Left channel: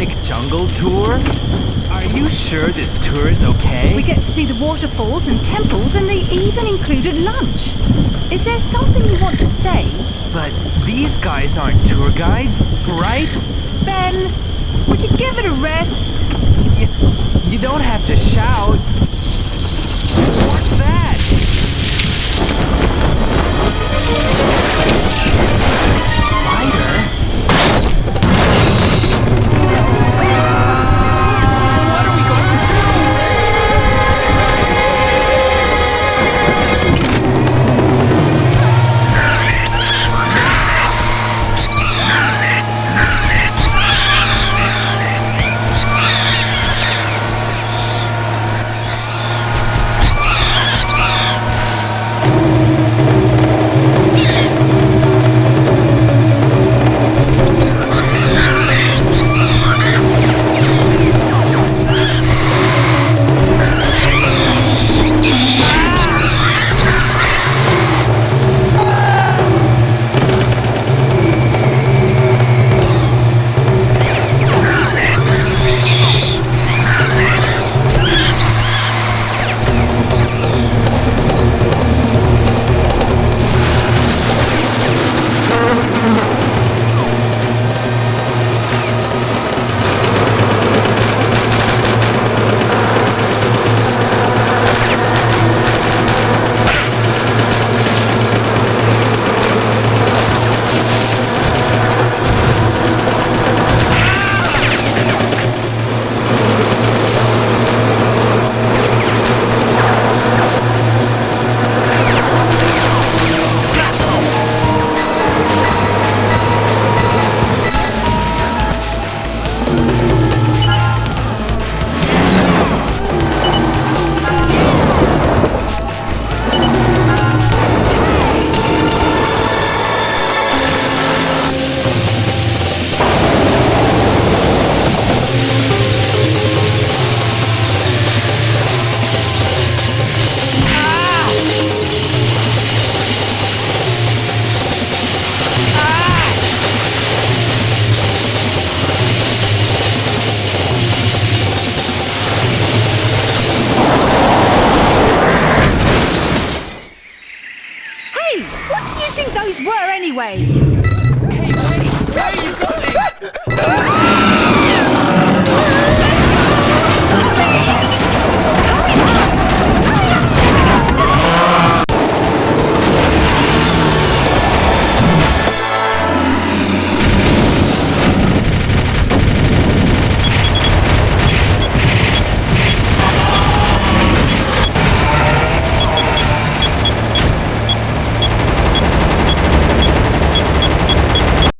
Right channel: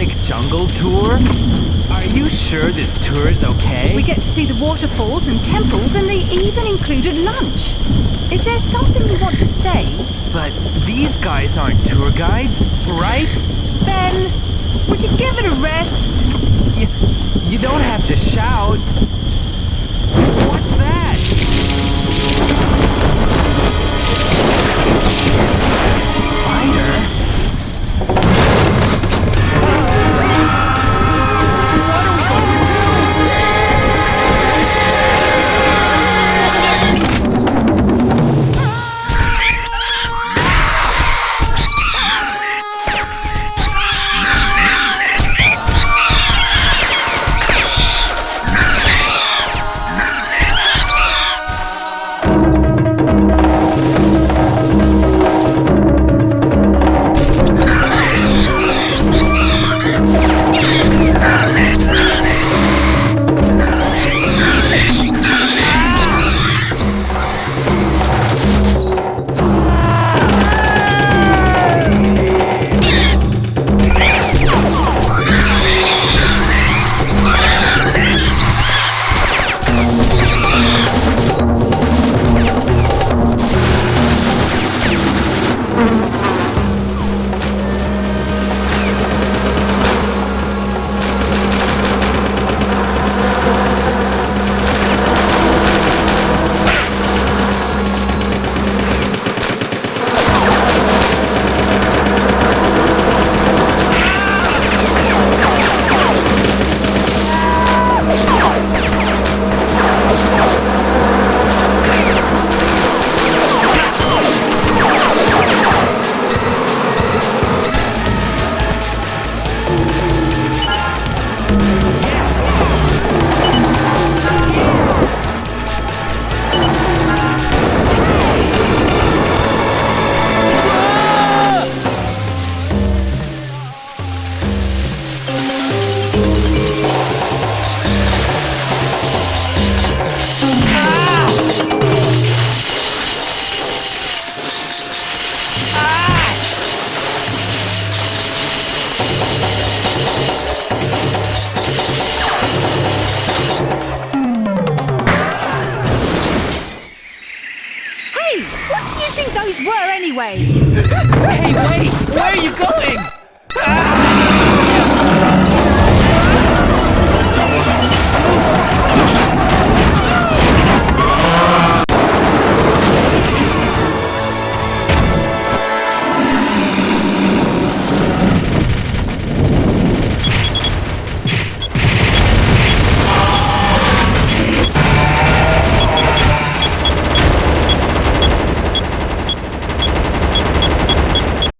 exotic jungle tour? Are you sure this tour is okay? We get to see the waterfalls and temples, and they even included lunch. Is there something you want to say? But these guys aren't tour guides, right? Ben, would you give it a rest? You don't have to shout. What's that? Spider? What are we going to do? Hey, what do you think those were anyway?